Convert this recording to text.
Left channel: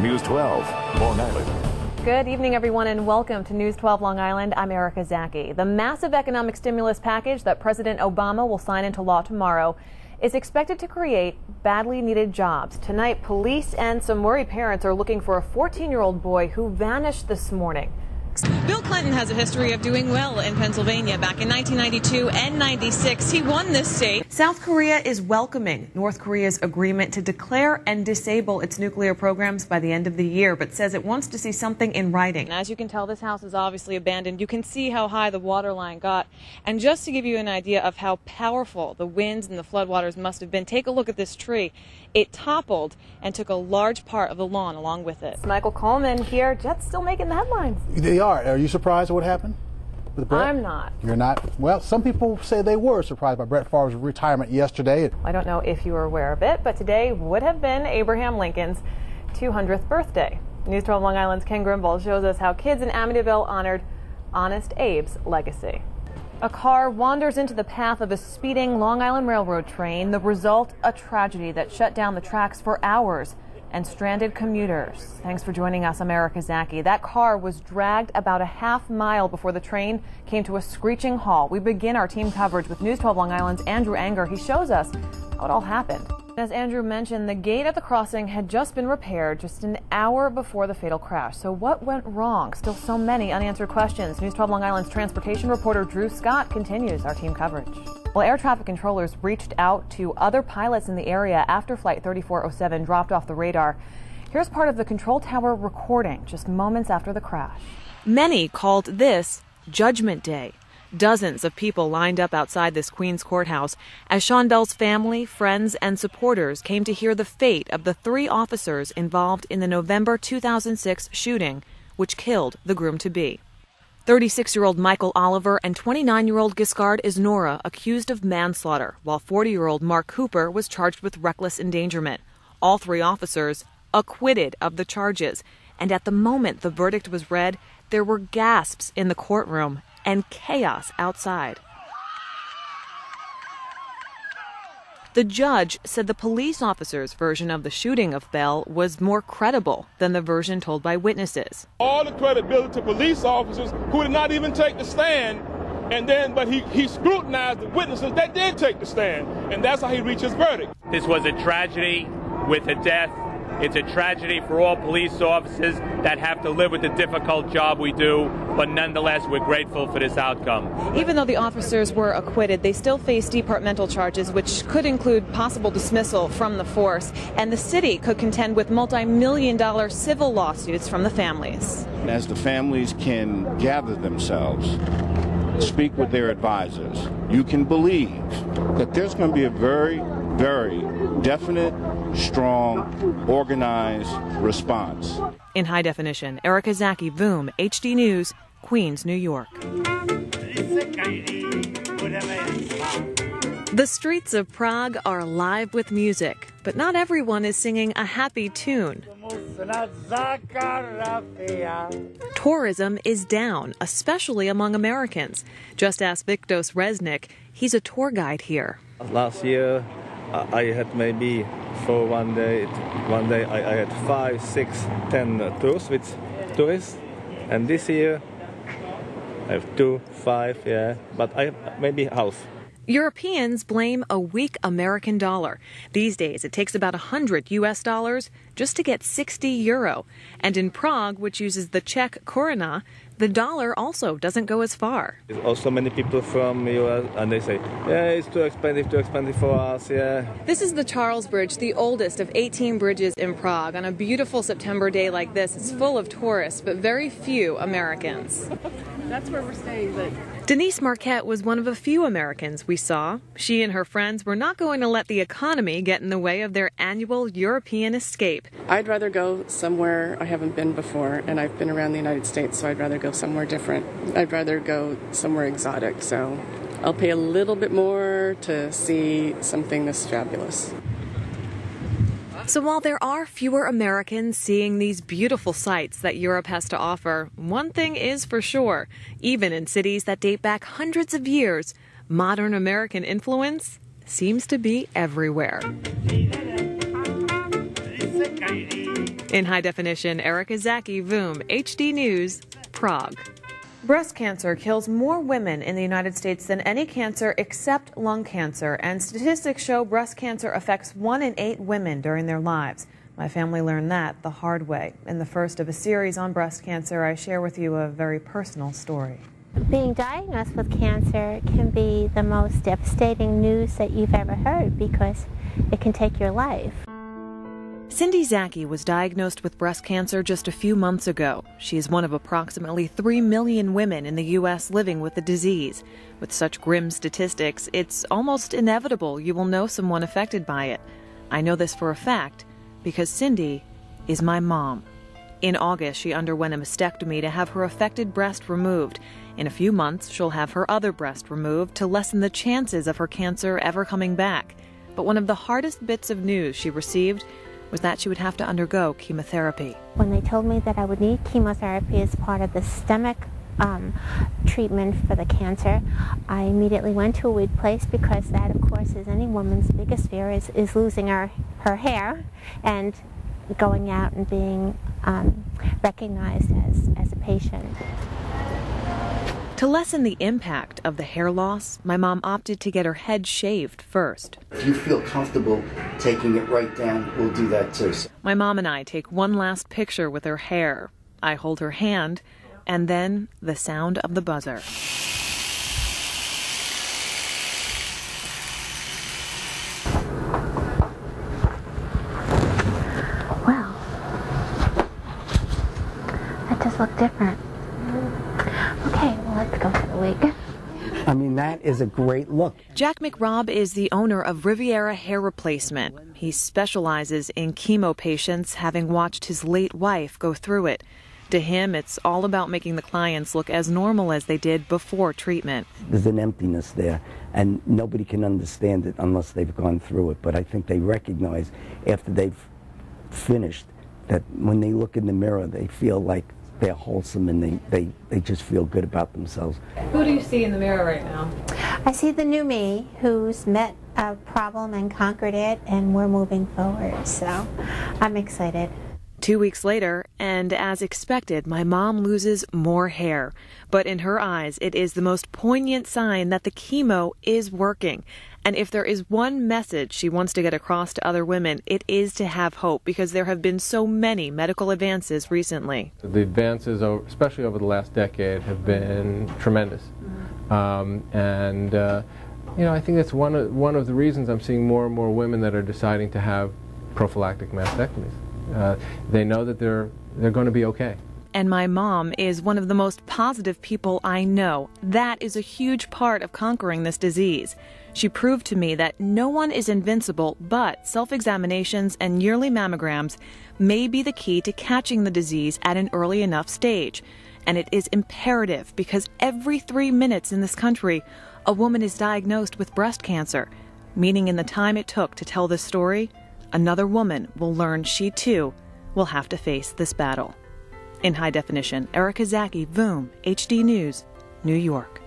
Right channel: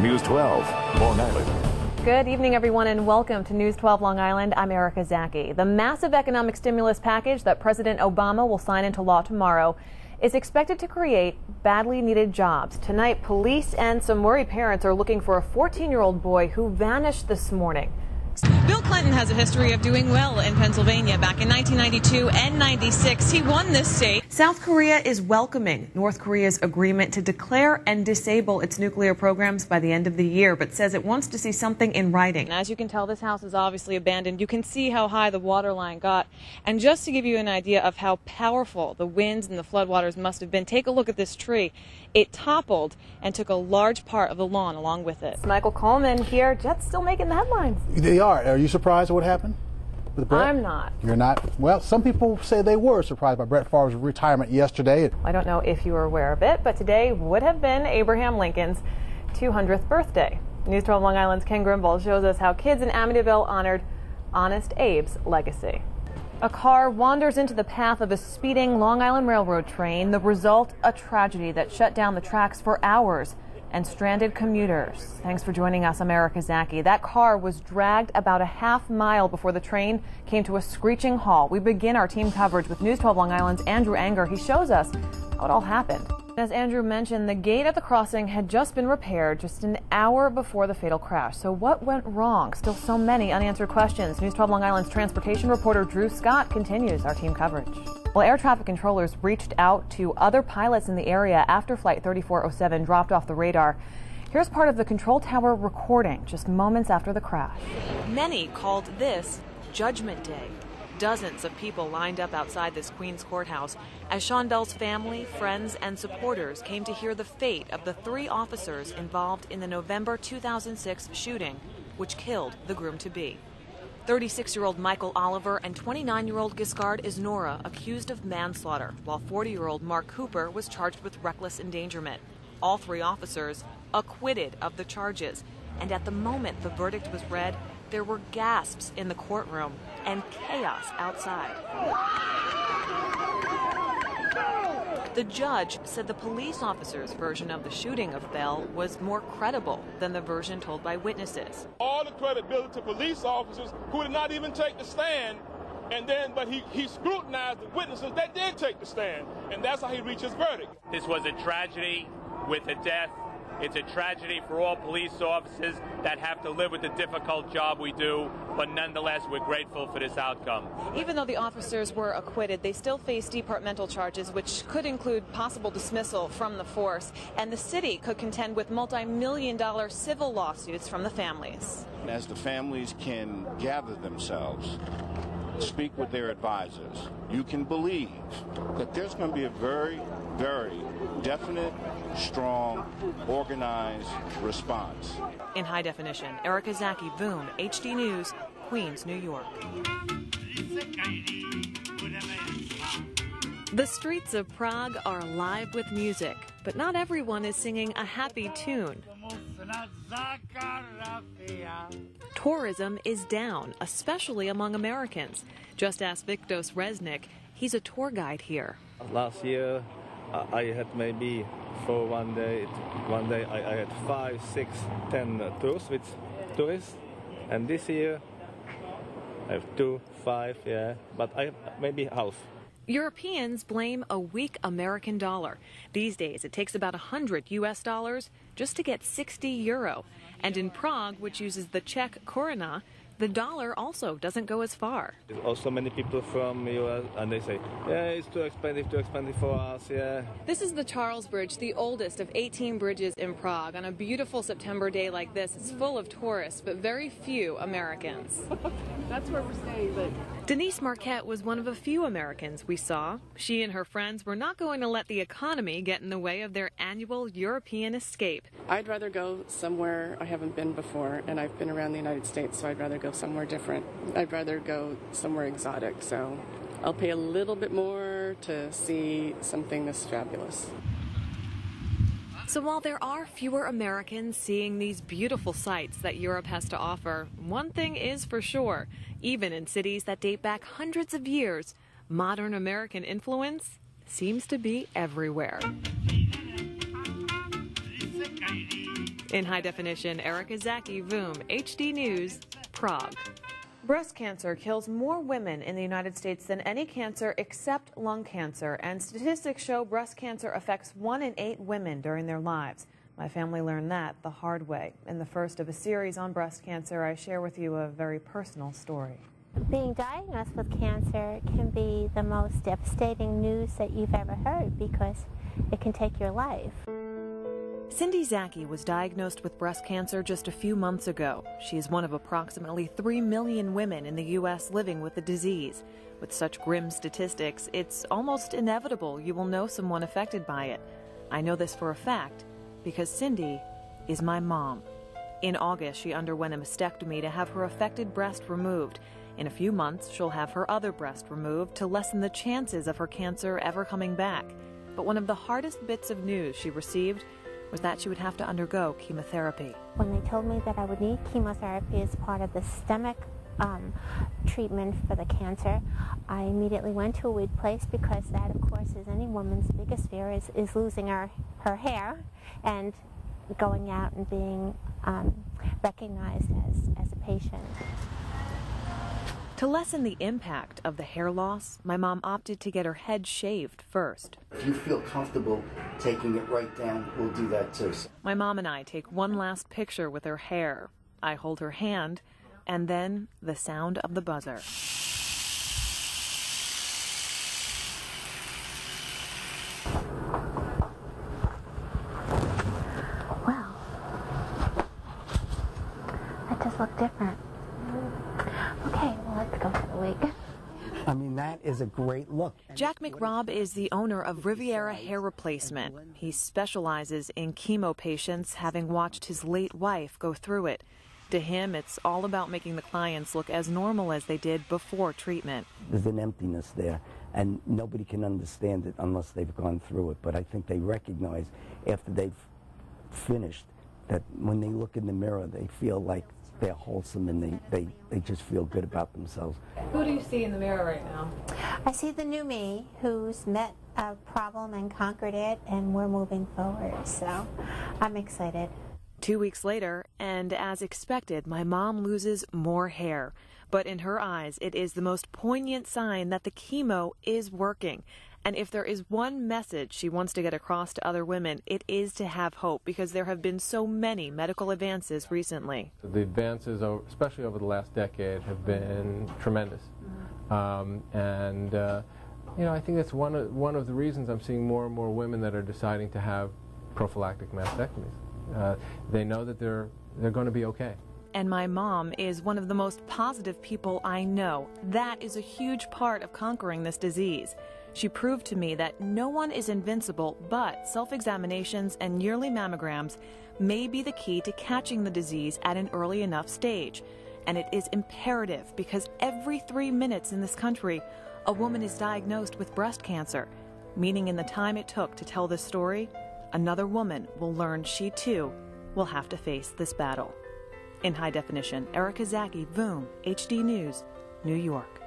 News 12, Long Island. Good evening, everyone, and welcome to News 12 Long Island. I'm Erica Zaki. The massive economic stimulus package that President Obama will sign into law tomorrow is expected to create badly needed jobs. Tonight, police and some worried parents are looking for a 14-year-old boy who vanished this morning. Bill Clinton has a history of doing well in Pennsylvania. Back in 1992 and 96, he won this state. South Korea is welcoming North Korea's agreement to declare and disable its nuclear programs by the end of the year, but says it wants to see something in writing. As you can tell, this house is obviously abandoned. You can see how high the water line got. And just to give you an idea of how powerful the winds and the floodwaters must have been, take a look at this tree. It toppled and took a large part of the lawn along with it. Michael Coleman here. Jets still making the headlines. They are. Are you surprised at what happened with Brett? I'm not. You're not? Well, some people say they were surprised by Brett Favre's retirement yesterday. I don't know if you were aware of it, but today would have been Abraham Lincoln's 200th birthday. News 12 Long Island's Ken Grimble shows us how kids in Amityville honored Honest Abe's legacy. A car wanders into the path of a speeding Long Island Railroad train. The result, a tragedy that shut down the tracks for hours and stranded commuters. Thanks for joining us. I'm Erica Zaki. That car was dragged about a half mile before the train came to a screeching halt. We begin our team coverage with News 12 Long Island's Andrew Anger. He shows us how it all happened. As Andrew mentioned, the gate at the crossing had just been repaired just an hour before the fatal crash. So what went wrong? Still so many unanswered questions. News 12 Long Island's transportation reporter Drew Scott continues our team coverage. Well, air traffic controllers reached out to other pilots in the area after Flight 3407 dropped off the radar. Here's part of the control tower recording just moments after the crash. Many called this Judgment Day. Dozens of people lined up outside this Queens courthouse as Sean Bell's family, friends, and supporters came to hear the fate of the 3 officers involved in the November 2006 shooting, which killed the groom-to-be. 36-year-old Michael Oliver and 29-year-old Giscard Isnora accused of manslaughter, while 40-year-old Mark Cooper was charged with reckless endangerment. All 3 officers acquitted of the charges, and at the moment the verdict was read, there were gasps in the courtroom and chaos outside. The judge said the police officer's version of the shooting of Bell was more credible than the version told by witnesses. All the credibility to police officers who did not even take the stand, but he scrutinized the witnesses that did take the stand, and that's how he reached his verdict. This was a tragedy with a death. It's a tragedy for all police officers that have to live with the difficult job we do, but nonetheless, we're grateful for this outcome. Even though the officers were acquitted, they still face departmental charges, which could include possible dismissal from the force, and the city could contend with multi-million-dollar civil lawsuits from the families. As the families can gather themselves, speak with their advisors, you can believe that there's going to be a very, very definite, strong, organized response. In high definition, Erica Zaki, VOOM, HD News, Queens, New York. The streets of Prague are alive with music, but not everyone is singing a happy tune. Tourism is down, especially among Americans. Just ask Viktos Resnick. He's a tour guide here. Last year, I had maybe for one day I had 5, 6, 10 tours with tourists, and this year I have 2, 5, yeah, but I have maybe half. Europeans blame a weak American dollar. These days, it takes about $100 US just to get 60 euro. And in Prague, which uses the Czech koruna, the dollar also doesn't go as far. There's also many people from US, and they say, yeah, it's too expensive for us, yeah. This is the Charles Bridge, the oldest of 18 bridges in Prague. On a beautiful September day like this, it's full of tourists, but very few Americans. That's where we're staying, but... Denise Marquette was one of a few Americans we saw. She and her friends were not going to let the economy get in the way of their annual European escape. I'd rather go somewhere I haven't been before, and I've been around the United States, so I'd rather go somewhere different. I'd rather go somewhere exotic, so I'll pay a little bit more to see something this fabulous. So while there are fewer Americans seeing these beautiful sights that Europe has to offer, one thing is for sure, even in cities that date back hundreds of years, modern American influence seems to be everywhere. In high definition, Erica Zaki, VOOM, HD News, Prague. Breast cancer kills more women in the United States than any cancer except lung cancer, and statistics show breast cancer affects 1 in 8 women during their lives. My family learned that the hard way. In the first of a series on breast cancer, I share with you a very personal story. Being diagnosed with cancer can be the most devastating news that you've ever heard because it can take your life. Cindy Zaki was diagnosed with breast cancer just a few months ago. She is one of approximately 3 million women in the U.S. living with the disease. With such grim statistics, it's almost inevitable you will know someone affected by it. I know this for a fact because Cindy is my mom. In August, she underwent a mastectomy to have her affected breast removed. In a few months, she'll have her other breast removed to lessen the chances of her cancer ever coming back. But one of the hardest bits of news she received was that she would have to undergo chemotherapy. When they told me that I would need chemotherapy as part of the systemic treatment for the cancer, I immediately went to a weed place because that, of course, is any woman's biggest fear is losing her hair and going out and being recognized as a patient. To lessen the impact of the hair loss, my mom opted to get her head shaved first. If you feel comfortable taking it right down, we'll do that too. My mom and I take one last picture with her hair. I hold her hand, and then the sound of the buzzer. Wow. That does look different. Okay, well, let's go for the wig. I mean, that is a great look. Jack McRobb is the owner of Riviera Hair Replacement. He specializes in chemo patients, having watched his late wife go through it. To him, it's all about making the clients look as normal as they did before treatment. There's an emptiness there, and nobody can understand it unless they've gone through it. But I think they recognize after they've finished that when they look in the mirror, they feel like they're wholesome and they just feel good about themselves. Who do you see in the mirror right now? I see the new me who's met a problem and conquered it, and we're moving forward, so I'm excited. 2 weeks later, and as expected, my mom loses more hair. But in her eyes, it is the most poignant sign that the chemo is working. And if there is one message she wants to get across to other women, it is to have hope, because there have been so many medical advances recently. The advances, especially over the last decade, have been tremendous. You know, I think that's one of the reasons I'm seeing more and more women that are deciding to have prophylactic mastectomies. They know that they're going to be okay. And my mom is one of the most positive people I know. That is a huge part of conquering this disease. She proved to me that no one is invincible, but self-examinations and yearly mammograms may be the key to catching the disease at an early enough stage. And it is imperative because every 3 minutes in this country, a woman is diagnosed with breast cancer, meaning in the time it took to tell this story, another woman will learn she too will have to face this battle. In high definition, Erica Zaki, VOOM, HD News, New York.